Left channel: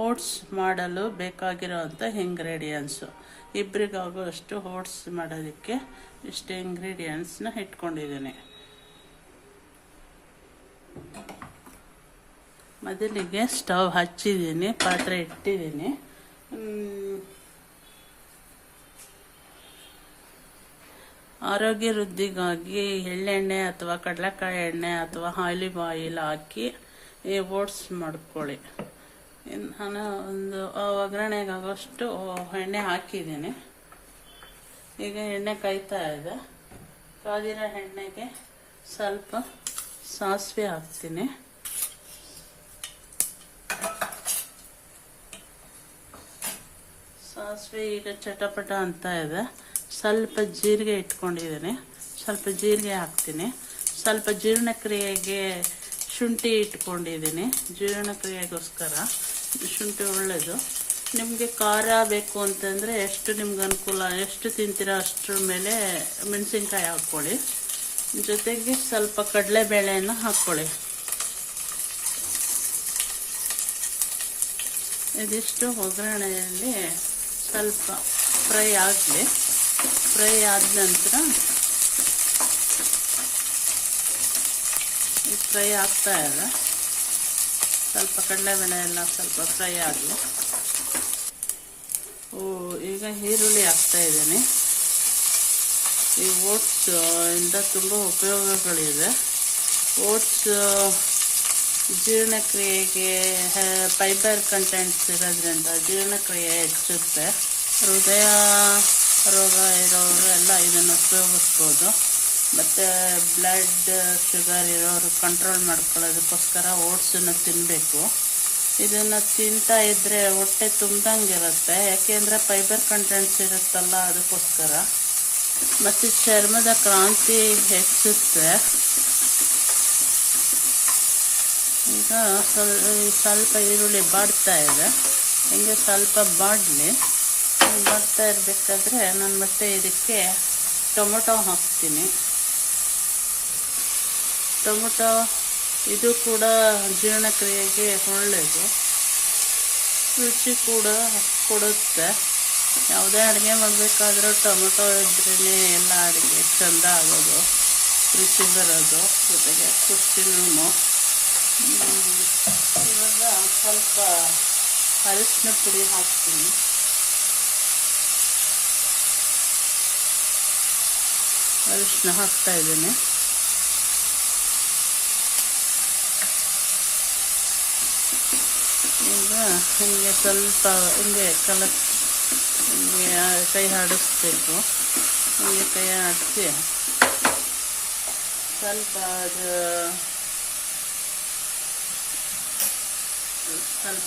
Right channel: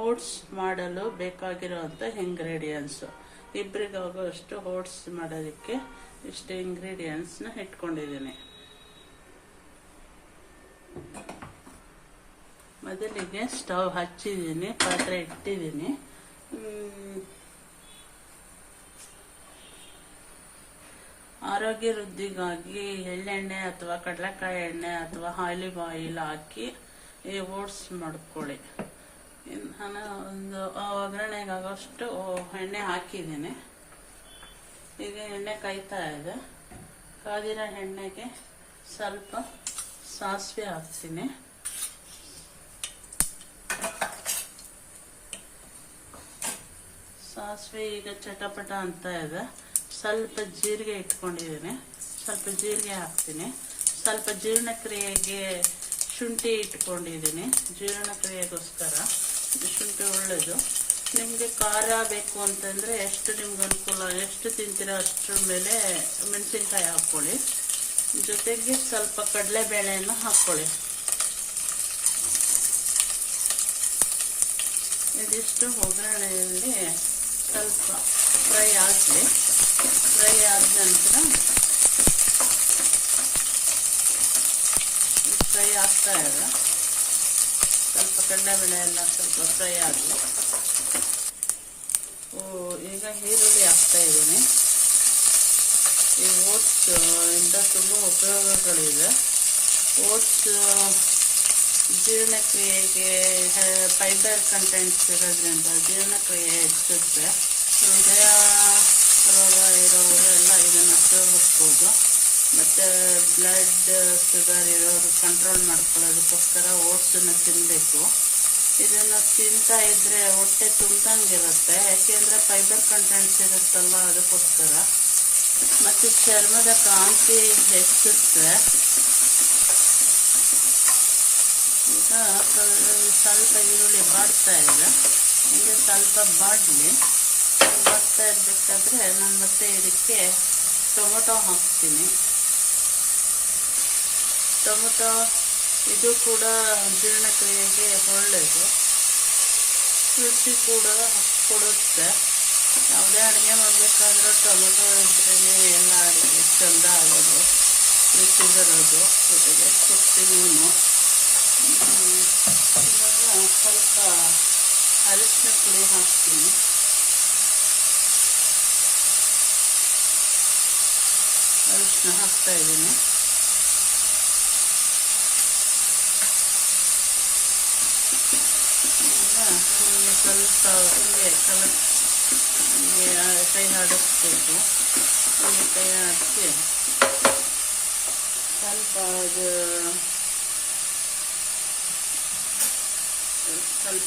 Oats ಮಾಡಲು ಬೇಕಾಗಿರುವಂಥ ingredients. ಇಬ್ಬರಿಗಾಗುವಷ್ಟು oats ಮಾಡೋದಕ್ಕೆ ಇಷ್ಟು ಇಂಗ್ರೀಡಿಯೆಂಟ್ಸ್ನ ಇಟ್ಕೊಂಡಿದ್ದೀನಿ. ಮೊದಲಿಗೆ ಸ್ಟವ್ ಹಚ್ಚಿದ್ದೀನಿ, ಪಾತ್ರೆ ಇಟ್ಟಿದ್ದೀನಿ. ಆರೋಗ್ಯ ವೃದ್ಧಿಗಾಗಿ ಎಳ್ಳೆಣ್ಣೆ ಅಥವಾ ಕಡಲೆಕಾಯಿ ಎಣ್ಣೆ ಅಥವಾ ಆಲಿವ್ ಆಯಿಲ್ ಹಾಕಿ ಈ ಓಟ್ಸ್ ಮಾಡ್ಕೊಳ್ಳಿ. ನಾನು ಒಂದು ಒಗ್ಗರಣೆಗಾಗೋಷ್ಟು ಎಣ್ಣೆ ಹಾಕಿದ್ದೀನಿ. ಈಗ ಎಣ್ಣೆ ಕಾಯ್ತಾ ಇದೆ. ಕಾದಿರೋ ಎಣ್ಣೆಗೆ ಸ್ವಲ್ಪ ಸಾಸಿವೆ ಹಾಕ್ತೀನಿ. ಸಾಸಿವೆ ಈಗ ಚಟಪಟ ಅಂತ ಇದೆ. ಸ್ವಲ್ಪ ಜೀರಿಗೆ ಇಟ್ಕೊಂಡಿದ್ದೀನಿ, ಸ್ವಲ್ಪ ಜೀರಿಗೆ ಹಾಕ್ತೀನಿ. ಸ್ವಲ್ಪ ಜೀರ್ಣಕ್ರಿಯೆಗೆ ಶುಂಠಿ ಇಟ್ಕೊಂಡಿದ್ದೀನಿ. ಜೀರ್ಣಕ್ರಿಯೆಗೋಸ್ಕರ ಶುಂಠಿ ಒಳ್ಳೆಯದು. ನಿಮಗೆ ಖಾರ ಬೇಕು ಅಂತಂದರೆ ಎಷ್ಟು ನಿಮ್ಗೆ ಅನುಕೂಲ, ಎಷ್ಟು ತಿಂತೀರೋ ಅಷ್ಟರ ಮೇಲೆ ಮೆಣಸಿನ್ಕಾಯಿ ಹಾಕ್ಕೊಳ್ಳಿ. ಜೊತೆಗೆ ಸ್ವಲ್ಪ ಕಡಲೆಬೇಳೆಯನ್ನು ಹಾಕ್ಕೊಳ್ಳಿ. ಇದಿಷ್ಟು ಒಗ್ಗರಣೆಯಲ್ಲಿ ಸ್ವಲ್ಪ ಫ್ರೈ ಆಗಲಿ. ಫ್ರೈ ಆದ ನಂತರ ಫ್ರೈ ಆಗ್ತಾ ಇದೆ. ಸ್ವಲ್ಪ ಕಡಲೆಬೇಳೆ ಎಲ್ಲ ಸ್ವಲ್ಪ ಫ್ರೈ ಆಗಲಿ. ಈಗ ಈರುಳ್ಳಿ ಹಾಕ್ತಾ ಇದ್ದೀನಿ. ಈ ಓಟ್ಸ್ ಇಂದ ತುಂಬ ಉಪಯೋಗಗಳಿದೆ. ಓಟ್ಸ್ ಜೀರ್ಣಕ್ರಿಯೆಗೆ ಫೈಬರ್ ಕಂಟೆಂಟ್ಸ್ ಇರೋದ್ರಿಂದ ಜೀರ್ಣಕ್ರಿಯೆ ಹೆಚ್ಚುತ್ತೆ. ಹೃದಯ ರೋಗ ಇರೋರೆಲ್ಲ ಇದನ್ನು ಉಪಯೋಗಿಸ್ಬೋದು. ಮತ್ತು ಬ್ಲಡ್ ಶುಗರ್ ಇರೋರು ಕಂಟ್ರೋಲ್ ಮಾಡ್ಕೊಳ್ಳೋದಕ್ಕೋಸ್ಕರ ಓಟ್ಸನ್ನು ತಿನ್ನಬೇಕು. ಇದನ್ನು ತಿಂತಾ ಇದ್ದರೆ ಹೊಟ್ಟೆ ತುಂಬ್ದಂಗಿರುತ್ತೆ, ಯಾಕೆಂದರೆ ಫೈಬರ್ ಕಂಟೆಂಟ್ಸ್ ಇರುತ್ತಲ್ಲ, ಅದಕ್ಕೋಸ್ಕರ. ಮತ್ತು ಚರ್ಮದ ಕಾಂತಿ ಹೆಚ್ಚುತ್ತೆ. ಈಗ ಸ್ವಲ್ಪ ಈರುಳ್ಳಿ ಬಾಡ್ತಾ ಇದೆ. ಹಿಂಗೆ ಸ್ವಲ್ಪ ಬಾಡಲಿ. ಬಾಡ್ತಾ ಇರಬೇಕಾದ್ರೆ ನಾನು ಮತ್ತೆ ಇದಕ್ಕೆ ಟೊಮೊಟೊ ಹಾಕ್ತೀನಿ. ಟೊಮೊಟೊ ಇದು ಕೂಡ ಜೀರ್ಣಕ್ರಿಯೆಗೆ ಒಳ್ಳೆಯದು, ರುಚಿ ಕೂಡ ಕೊಡುತ್ತೆ. ಯಾವುದೇ ಅಡುಗೆ ಮಾಡಬೇಕಾದ್ರೂ ಟೊಮೊಟೊ ಇದ್ರೇ ಎಲ್ಲ ಅಡುಗೆ ಚೆಂದ ಆಗೋದು, ರುಚಿ ಬರೋದು. ಜೊತೆಗೆ ಕುಷ್ಟಿನೂ. ಇವಾಗ ಸ್ವಲ್ಪ ಅರಿಶಿನ ಪುಡಿ ಹಾಕ್ತೀನಿ. ಅರಿಶಿನ ಹಾಕ್ತಾ ಇದ್ದೀನಿ. ಈಗ ಹಿಂಗೆ ಸ್ವಲ್ಪ ಹಿಂಗೆ ಹಿಂಗೆ ಕೈ ಆಡಿಸ್ಬೇಕು. ಹಿಂಗೆ ಕೈ ಆಡಿಸಿ ಸ್ವಲ್ಪ ಅದು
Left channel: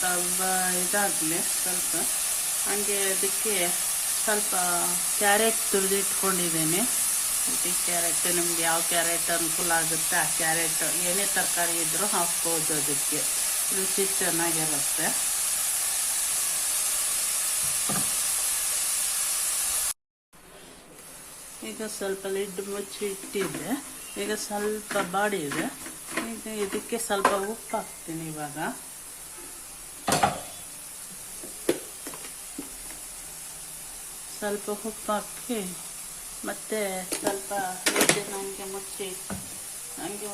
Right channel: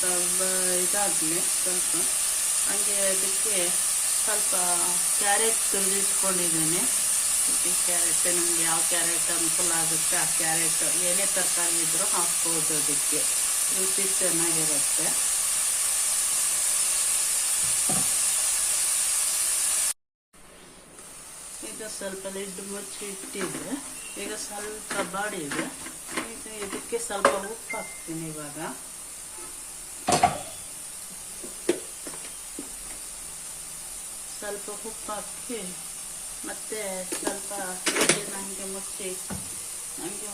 ಸ್ವಲ್ಪ ಇದಾಗಲಿ. ಸ್ವಲ್ಪ ಹಂಗೆ ಅದಕ್ಕೆ ಸ್ವಲ್ಪ ಕ್ಯಾರೆಟ್ ತುರಿದಿಟ್ಕೊಂಡಿದ್ದೀನಿ. ಕ್ಯಾರೆಟ್ ನಿಮ್ಗೆ ಯಾವ ಕ್ಯಾರೆಟ್ ಅನುಕೂಲ ಆಗುತ್ತೆ ಆ ಕ್ಯಾರೆಟ್, ಏನೇ ತರಕಾರಿ ಇದ್ರೂ ಹಾಕ್ಬೋದು. ಅದಕ್ಕೆ ರುಚಿ ಚೆನ್ನಾಗಿರುತ್ತೆ. ಈಗ ಸ್ವಲ್ಪ ಲಿಡ್ ಮುಚ್ಚಿ ಇಟ್ಟಿದೆ. ಈಗ ಸ್ವಲ್ಪ ಬಾಡಿದೆ. ಈಗ ಇದಕ್ಕೆ ಸ್ವಲ್ಪ ಉಪ್ಪು ಹಾಕ್ತೀನಿ. ಇವಾಗ ಸ್ವಲ್ಪ ಉಪ್ಪು ಹಾಕಿ ಮತ್ತೆ ಸ್ವಲ್ಪ ಹಂಗೆ ಮುಚ್ಚಿ ಹಂಗೆ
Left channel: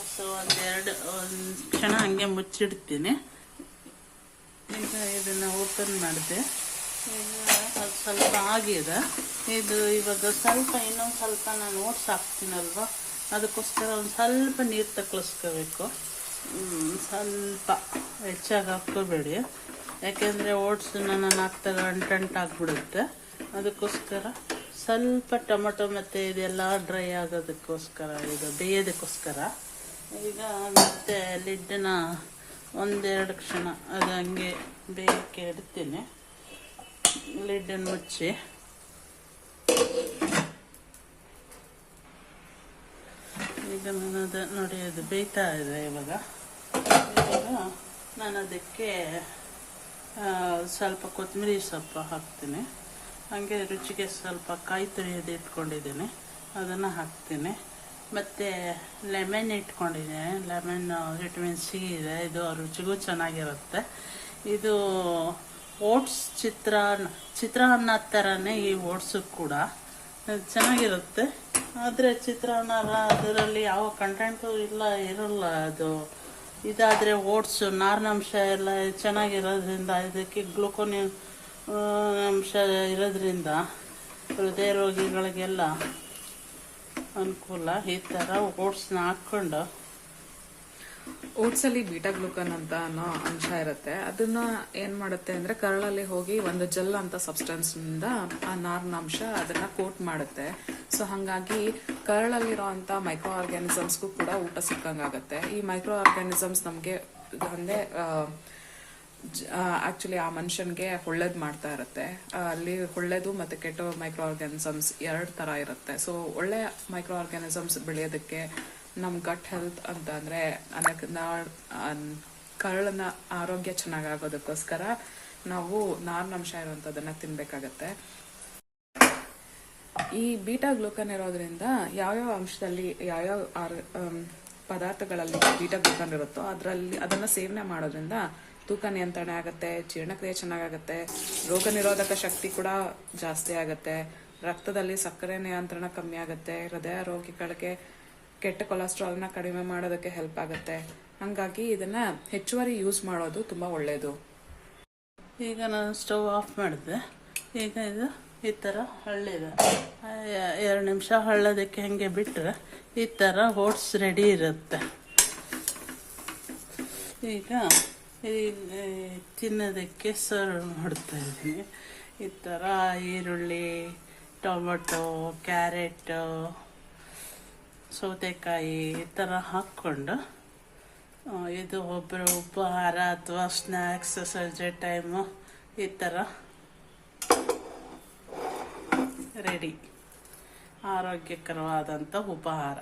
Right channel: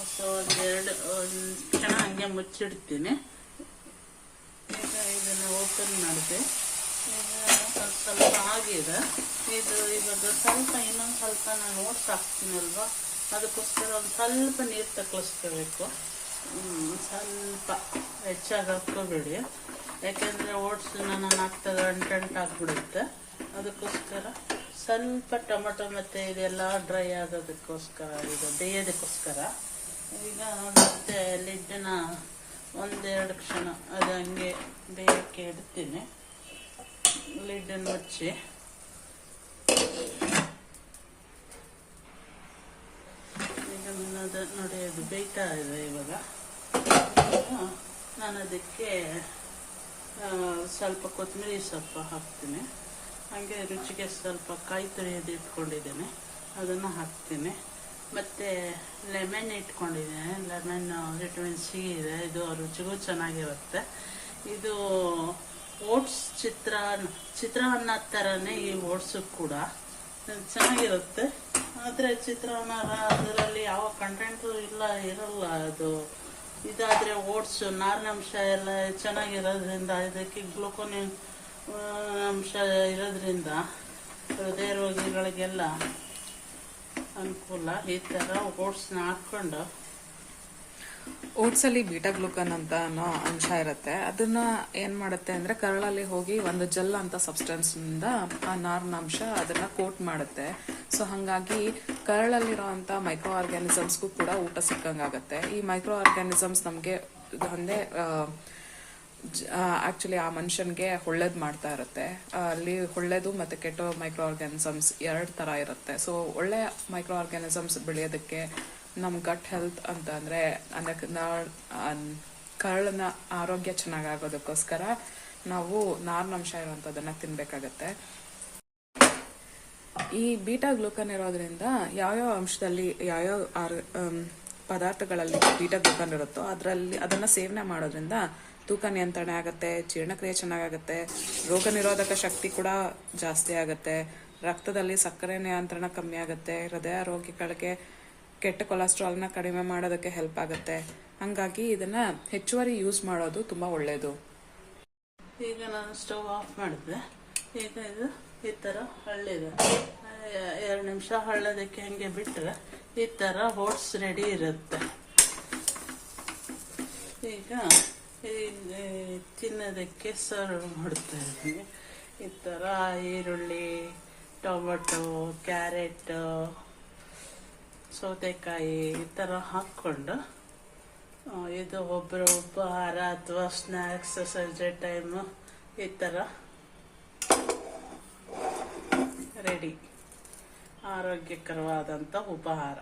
ಒಂದು ಕ್ಷಣ ಹಂಗೆ ಮುಚ್ಚಿಡ್ತೀನಿ. ಈಗ ಇದನ್ನು ಓಪನ್ ಮಾಡಿದೆ. ಈಗ ಸ್ವಲ್ಪ ಆಗಿದೆ ಇದು. ಇವಾಗ ಸ್ವಲ್ಪ ಇನ್ನೊಂದು ಸ್ವಲ್ಪ ನಾನು ಓಟ್ಸ್ ಹಾಕ್ತೀನಲ್ವ, ಅದಕ್ಕೋಸ್ಕರ ಒಂದು ಸ್ವಲ್ಪ ನೀರು ತಗೊಳಿಸ್ಕೋಬೇಕು. ಸ್ವಲ್ಪ ಹೆಚ್ಚಾಗಿ ಹಾಕ್ಕೋಬೇಡಿ, ಯಾಕೆಂದರೆ ಓಟ್ಸನ್ನ ನಾನು ಹಾಕ್ದಾಗ ಅಂಟಾಗ್ಬಿಡುತ್ತೆ. ಅದಕ್ಕೋಸ್ಕರ ಸ್ವಲ್ಪ ಟೊಮೊಟೊ ಮತ್ತು ಇದೆಲ್ಲ ಡ್ರೈ ಆಗೋದಕ್ಕೋಸ್ಕರ, ಇದು ಬೇಯೋದಕ್ಕೋಸ್ಕರ. ಈಗ ಮತ್ತೆ ಲಿಡ್ಡನ್ನ ಒಂದೆರಡು ಕ್ಷಣ ಅದು ಹಂಗೆ ಬೇಯಕ್ಕೆ ಇಡ್ತೀನಿ. ಲಿಡ್ಡನ್ನು ಮುಚ್ಚಿ ಈಗ ನಾನು ನೋಡಿ ಅದು ಬೇಯ್ತಾ ಇದೆ. ಇವಾಗ ನಾನು ಅದಕ್ಕೆ ಸ್ವಲ್ಪ ಕೊತ್ತಂಬರಿ ಸೊಪ್ಪು ಹಾಕ್ತೀನಿ. ಹಾಗೆ ರುಚಿಗೆ ಸ್ವಲ್ಪ ಕಾಯಿ ತುರಿಯೋದು ಇಟ್ಕೊಂಡಿದ್ದೀನಿ, ಅದನ್ನು ಹಾಕ್ತೀನಿ. ಮತ್ತು ಲೆಮನ್ ಇಟ್ಕೊಂಡಿದ್ದೀನಿ. ಲೆಮನ್ ವಿಟಮಿನ್ ಸಿ ಇದೆ, ಇದು ರುಚಿಗೂ ಚೆನ್ನಾಗಿರುತ್ತೆ. ಇದು ಓಟ್ಸ್ ಚಿತ್ರಾನ್ನ ಥರನೇ ಈ ಓಟ್ಸು ಕೂಡ ಚೆನ್ನಾಗಿರುತ್ತೆ. ಆದರೆ ಚಿತ್ರಾನ್ನ ಅದರಲ್ಲಿ ಯಾವ ಕಂಟೆಂಟು ಇರಲ್ಲ. ಅದು ಇದಾದರೆ ಓಟ್ಸು ನಾರಿನಂಶ ಎಲ್ಲ ಚೆನ್ನಾಗಿರೋದ್ರಿಂದ, ಇದಕ್ಕೆ ಗ್ಲೂಕೋನ್ ಅಂಶ ಇರೋದ್ರಿಂದ ಹೃದಯ ರೋಗಿಗಳಿಗೆಲ್ಲ ಅನುಕೂಲ. ಈ ಥರ ಓಟ್ಸ್ನ ಹಾಕ್ಕೊಂಡು, ಓಟ್ಸ್ ಅಲ್ಲಿ ಬೀಟಾ ಗ್ಲೂಕನ್ ಅಂತ ಅನ್ನೋ ಅಂಶ ಇರುತ್ತೆ. ಅದನ್ನ ಏನ್ ಮಾಡುತ್ತೆ ಅಂದ್ರೆ ಕರಳಲ್ಲಿ ಹೋಗಿ ಒಂದು ಜೆಲ್ ಅಂತ ಸಬ್ಸ್ಟೆನ್ಸ್ ನಿಂದ ಆ ನಾರಿನ ಅಂಶ ಅದನ್ನ ಕೋಟ್ ಮಾಡುತ್ತೆ. ಸೊ ಹಂಗಾಗಿ ಕರಳಲ್ಲಿರುವಂತ ಮೈಕ್ರೋ ಆರ್ಗ್ಯಾನಿಸಮ್ಸ್ಗೂ ಕೂಡ ಊಟ ಸಿಕ್ಕಂಗಾಗತ್ತೆ. ಈ ಮೈಕ್ರೋ ಆರ್ಗ್ಯಾನಿಸಮ್ಸ್ ನಮ್ಗೆ ಒಂದೇ ಆಕ್ಚುಲಿ ಆ ಮನುಷ್ಯನ್ಗೆ ಒಳ್ಳೇದ್ ಮಾಡ್ತಾ ಇರುತ್ತೆ. ಅಲ್ಲಿ ಒಳ್ಳೇದು ಮತ್ತೆ ಕೆಟ್ಟ ಮೈಕ್ರೋ ಆರ್ಗ್ಯಾನಿಸಮ್ಸ್ 2 ತರ ಇರುತ್ತೆ. ಸೊ ಒಳ್ಳೆ ಮೈಕ್ರೋ ಆರ್ಗ್ಯಾನಿಸಮ್ಸ್ ಬೆಳೆಯೋದಕ್ಕೆ ನಮ್ ಗಟ್ ಹೆಲ್ತ್ ಅಂತ ಅಂದ್ರೆ ಕರಳನ ಆರೋಗ್ಯ ಚೆನ್ನಾಗಾಗೋದಕ್ಕೋಸ್ಕರ ನಾವು ನಾರಿನಂಶ ಇರುವಂತದನ್ನ ತಿನ್ಬೇಕಾಗತ್ತೆ. ಈ ಬೀಟಾ ಗ್ಲೂಕನ್ ಇರೋದ್ರಿಂದ ಯಾವ್ಯಾವ ಅಂಶದಲ್ಲಿ ಯಾವ್ಯಾವ ಪದಾರ್ಥಗಳಲ್ಲಿ ಬೀಟಾ ಗ್ಲೂಕನ್ ಇರುತ್ತೋ ಅದನ್ನ ಸೇವನೆ ಮಾಡೋದ್ರಿಂದ ತೂಕ ನಿಯಂತ್ರಣ ಆಗತ್ತೆ, ಜೀರ್ಣಕ್ರಿಯೆ ಚೆನ್ನಾಗಾಗತ್ತೆ, ರೋಗ ನಿರೋಧಕ ಶಕ್ತಿ ಕೂಡ ಜಾಸ್ತಿ ಆಗತ್ತೆ, ರಕ್ತದಲ್ಲಿ ಸಕ್ಕರೆ ನಿಯಂತ್ರಣ ಕಮ್ಮಿ ಆಗತ್ತೆ, ಹೃದಯ ರೋಗಿಗಳಿಗೆ ಕೆಟ್ಟ ಕೊಲೆಸ್ಟ್ರಾಲ್ನ ಕಡಿಮೆ ಮಾಡೋದಕ್ಕೆ ಹೆಲ್ಪ್ ಆಗುತ್ತೆ. ಹಂಗಾಗಿ ಇದನ್ನ ಹೆಚ್ಚುವರಿ ಯೂಸ್ ಮಾಡೋದು ತುಂಬಾ ಒಳ್ಳೇದು. ಈಗ ನಾನು ಸ್ಟವ್ ಆಫ್ ಮಾಡಿದೆ. ಈಗ ಇದು ಈ ಥರ ಹಳ್ಳಿದೆ. 2 ನಿಮಿಷ ಹಳ್ಳೋದಕ್ಕೆ ಹಂಗೆ ಬಿಟ್ಟರೆ ಈ ಥರ ಓಟ್ಸ್ ರೆಡಿ ಇರುತ್ತೆ. ಈಗ ತಿನ್ನೋದಕ್ಕೆ ಸರ್ವ್ ಮಾಡ್ತಾ ಇದ್ದೀವಿ. ಈ ಥರ ಈರುಳ್ಳಿ, ಟೊಮೊಟೊ, ಕ್ಯಾರೆಟ್, ಸೌತೆಕಾಯಿ ಈ ಥರ ಹಾಕ್ಕೊಂಡು, ಇದು ಒಬ್ಬರು ಉಪಹಾರ ಅಥವಾ ಸ್ನ್ಯಾಕ್ಸ್ ಸಂಜೆ ಟೈಮು ಈ ಥರ ರೆಡಿ, ಆರೋಗ್ಯಕರವಾದಂಥ ಉಪಹಾರ.